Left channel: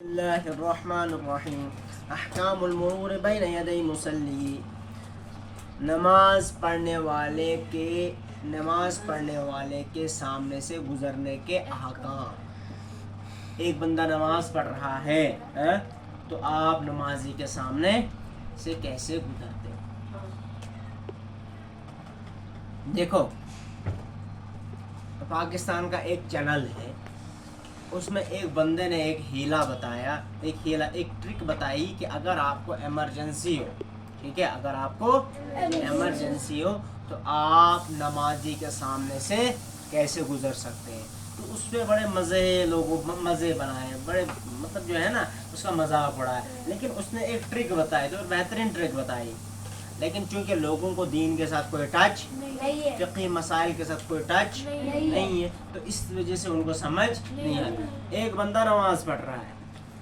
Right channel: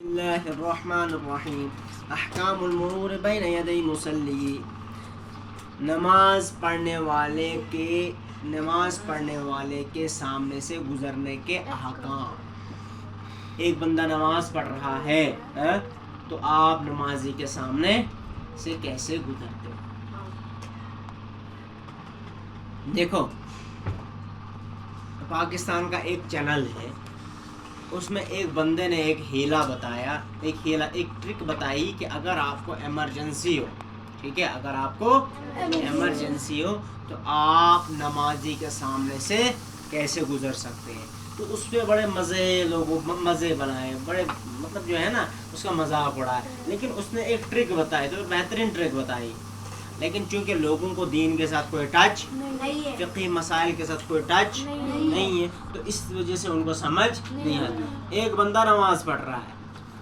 اللہ الرحمن الرحیم احکام المرور بین یدی مصلی، نماز پڑھنے والے کے سامنے سے گزرنے کے احکام۔ ایک بندہ نماز پڑھ رہا ہے تو آپ نمازی کے سامنے سے کیسے گزرتے؟ دیکھو، پاکستان کا ایک چینل ہے، اس میں ایک بندے نے ایک ہیلا بتایا، ایک ٹرک بتائی کہ اگر آپ کو ایمرجنسی ہو، ٹھیک ہے، اگر آپ کو ایمرجنسی ہو تو آپ نمازی کے سامنے سے کیسے گزر سکتے ہیں۔ تو اس پہ بڑے مزے بنائے، بڑے مطلب جو ہے نا اس کا مذاق اڑایا، لیکن اس نے ایک ٹرک بتائی جو بہترین ٹرک بتائی، لیکن چونکہ لوگوں کو دین کے ساتھ کوئی ٹچ، فقہی مسائل کے ساتھ کوئی ٹچ نہیں ہے، تو اس وجہ سے ان کو سمجھ نہیں آتا۔ ایک بندہ نماز پڑھ رہا ہے،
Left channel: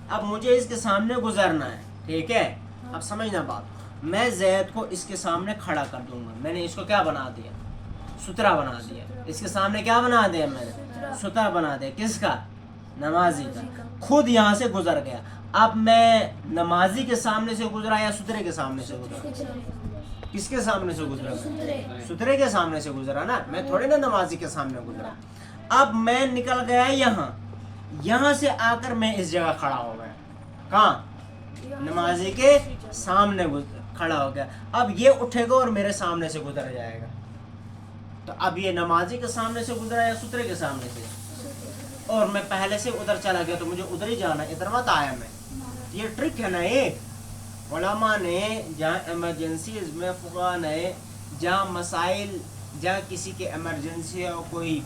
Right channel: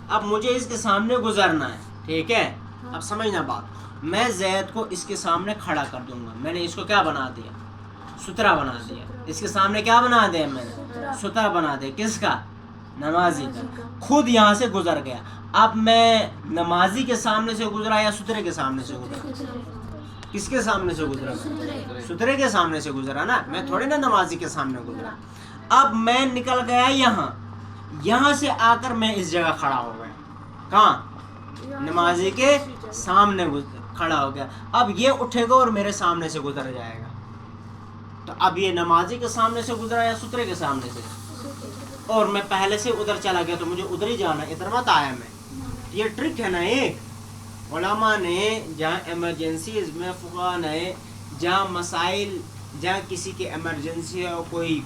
اب مجھے اس کے سامنے گزرنا ہے، ٹھیک ہے، اب سمجھنا بات، میں زید کو اس کے سامنے کھڑا کر دوں گا، میں نے اس کو کیا بنا دیا؟ سترا بنا دیا۔ اس کے سامنے کیا بنا دیا؟ میں نے سترا بنا دیا۔ کس کا؟ نمازی کا۔ خود یہاں سے گزر گیا، اب میں نمازی کے سامنے سے گزرا یا سترے کے سامنے سے گزرا؟ کس کے سامنے سے گزرا؟ سترے کے سامنے سے گزرا نا، میں تھوڑی نا نمازی کے سامنے گزرا۔ اب میں نکل گیا یہاں سے آ کر میں اس جگہ کھڑا ہو گیا، کہاں؟ نمازی کے سامنے کھڑا ہو گیا۔ اب یہ اٹھے گا اور میرے سامنے سے گزر جائے گا، تو اب یہ نمازی کے سامنے سے گزرا یا سترے کے سامنے سے؟ اور میں پہلے سے ادھر چلا گیا تو مجھے ادھر ہی جانا، ادھر مت آیا میں۔ یہ ٹرک ہے نا ایک، علماء نے جہاں ایمرجنسیز میں، فقہاء نے جہاں مسائل، جہاں کسی کے ایمرجنسی ہو، کوئی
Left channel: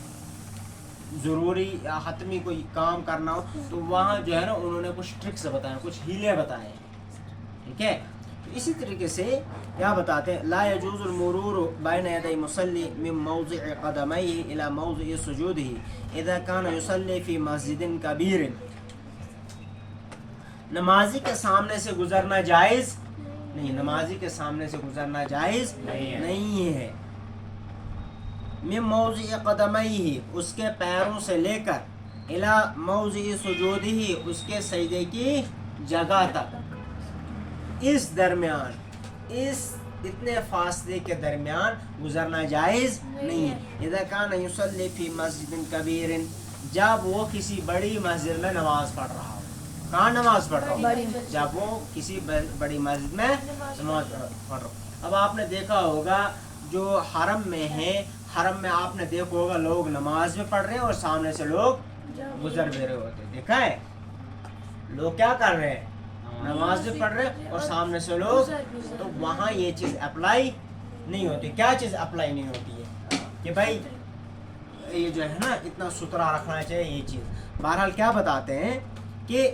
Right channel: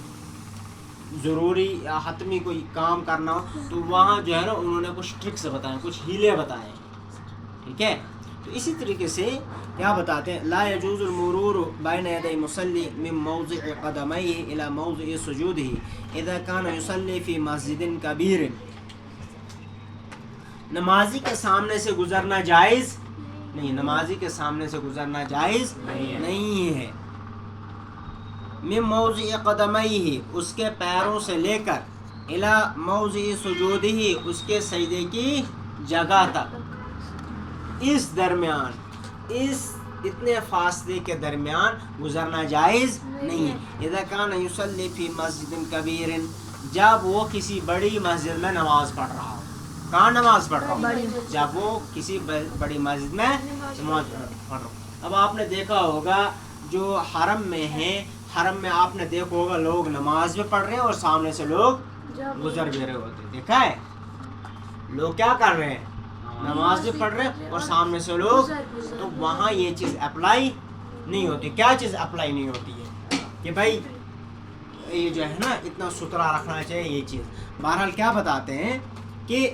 ضروری یا حتمی کوئی کام کرنا ہو، تو وہاں جو ہے نا انہوں نے کچھ ٹرکس بتائے، کچھ ہیلے بتائے، ٹھیک ہے۔ تو اسی طریقے سے کیا بتاتے ہیں؟ لا يجوز المرور بین یدی مصلی من موضع قدمیہ الی موضع سجودہ اذا کان یصلی فی مسجد کبیر۔ نمازی کے سامنے سے گزرنا جائز نہیں، نمازی کے سامنے سے گزرنا جائز نہیں ہے۔ من موضع قدمیہ، اس کے پیروں سے لے کر، الی موضع سجودہ، اس کے سجدے کی جگہ تک، اس درمیان، اتنے فاصلے کے درمیان گزرنا جائز نہیں ہے۔ اذا کان یصلی فی مسجد کبیر، جب وہ کسی بڑی مسجد میں نماز پڑھ رہا ہو۔ کہاں نماز پڑھ رہا ہو؟ جب وہ کسی بڑی مسجد میں نماز پڑھ رہا ہو۔ اب آپ نے دیکھا ہوگا جو حرم میں ہے، حرم میں آپ نے دیکھا ہوگا لوگ نماز بھی پڑھ رہے ہیں اور سامنے سے لوگ گزر بھی رہے ہوتے، دیکھا ہے؟ لوگ کیا کر رہے ہیں؟ نماز بھی پڑھ رہے ہیں اور سامنے سے لوگ، تو وہاں یہ چیز اپلائی نہیں ہوتی۔ کیا چیز اپلائی نہیں ہوتی ہے؟ کہ بھائی یہ جو ہے نا اتنا ستھرا رکھنا چاہیے، یہ چیز۔ بہرحال کیا بتاتے ہیں کہ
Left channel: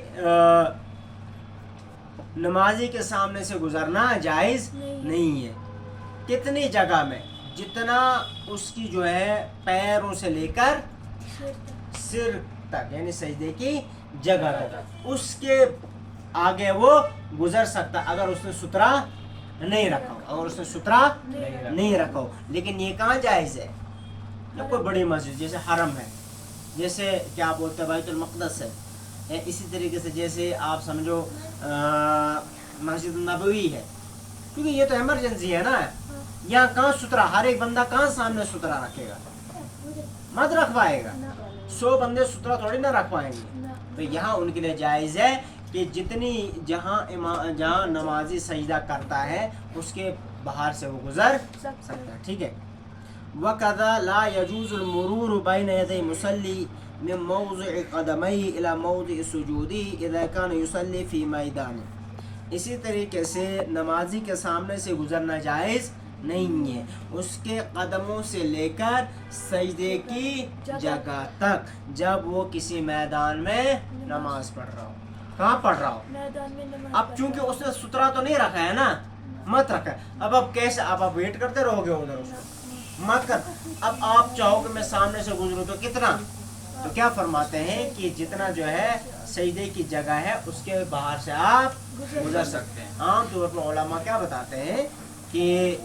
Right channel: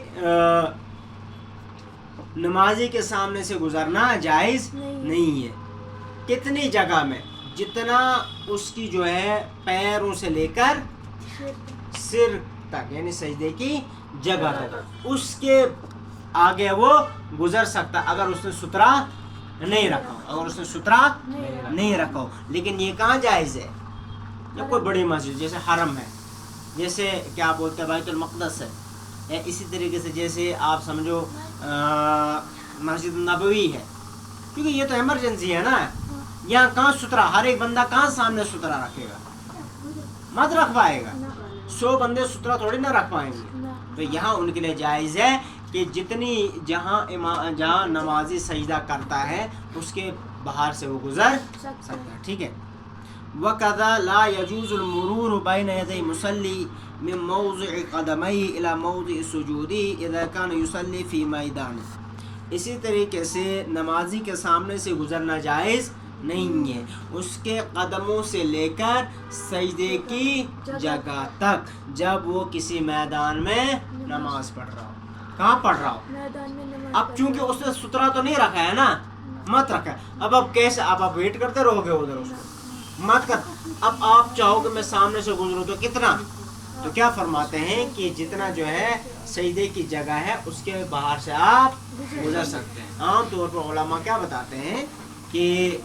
نمازی کے سامنے سے گزرنا جائز نہیں ہے۔ کتنی جگہ میں؟ جتنا اس کی جو ہے پیروں سے لے کر سر تک، یعنی سجدے کی جگہ تک، اس کے آگے وہ گزر سکتا اگر اس نے سترا نہیں رکھا ہو، اگر اس نے سترا نہیں رکھا ہو۔ لیکن یہ کہاں جائز ہے؟ کوئی بڑی مسجد جیسے حرم ہے، جیسے کیا بولتے ہیں بیت المقدس ہے، اسی طریقے سے جیسے آپ سمجھو مسجد نبوی ہے، کیونکہ یہ تو ایمرجنسی ہے نا۔ یہاں کہاں سترا، ہر ایک بندہ کہاں سامنے سترا رکھے گا؟ مت رکھ پائے گا، 100 بندے سترا تھوڑی نہ رکھ پائیں گے۔ تو یہاں ان کے لیے جائز ہے کہ جہاں نمازی سجدہ کرتا ہے اس کے باہر سے وہ گزر سکتا ہے، ٹھیک ہے۔ وَكَذَا لَا يَجُوزُ الْمُرُورُ بَيْنَ يَدَيْ مُصَلِّ من موضع قدمیہ الی موضع سجودہ اذا کان یصلی فی میدان۔ اسی طریقے سے نمازی کے سامنے سے گزرنا جائز نہیں ہے، اس کے قدموں سے لے کر سجدے کی جگہ تک، جب وہ کسی میدان میں نماز پڑھ رہا ہو۔ کہاں پڑھ رہا ہو؟ اب چونکہ اس نے سترا تو نہیں رکھا ہے نا، مت رکھا ہے۔ اب کیسے؟ اب آپ ویٹ کرتے رہو گے ادھر، اس کو مت کر۔ اب آپ چاہو کہ میں سامنے سے گزروں تو کتنا؟ تو کیا فرماتے ہیں کہ جتنا جو ہے سجدے کی جگہ ہے اس کے باہر سے آپ گزر سکتے ہیں۔ عام طور پر علماء کیا بتاتے ہیں کہ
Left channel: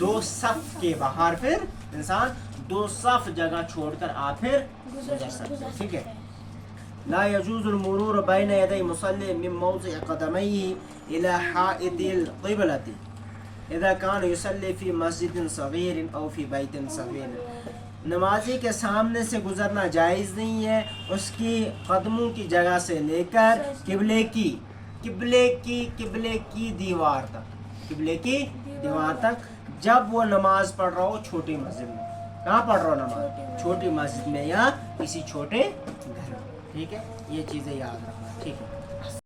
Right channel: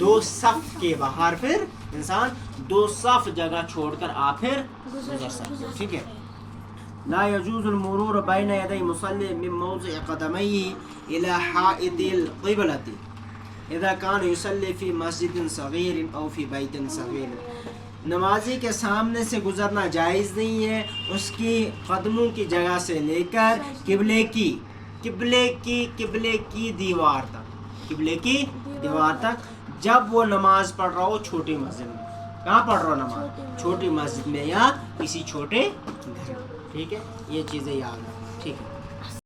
2 صف کے باہر پھر انسان 2 صف جگہ چھوڑ کر آپ پھر گزر سکتے ہیں، ٹھیک ہے۔ لا يجوز المرور بين يدي مصلي من موضع قدميه إلى حائط القبلة إذا كان يصلي في مسجد صغير أو في بيت صغير. نمازی کے سامنے سے گزرنا جائز نہیں ہے اس کی قدموں کی جگہ سے لے کر قبلے کی دیوار تک جب وہ نماز پڑھ رہا ہو چھوٹی مسجد میں. کہاں پڑھ رہا ہو نماز؟ چھوٹی مسجد میں یا کسی چھوٹے گھر میں. ٹھیک ہے، یہ چیزیں یاد رکھنا. ٹھیک ہے.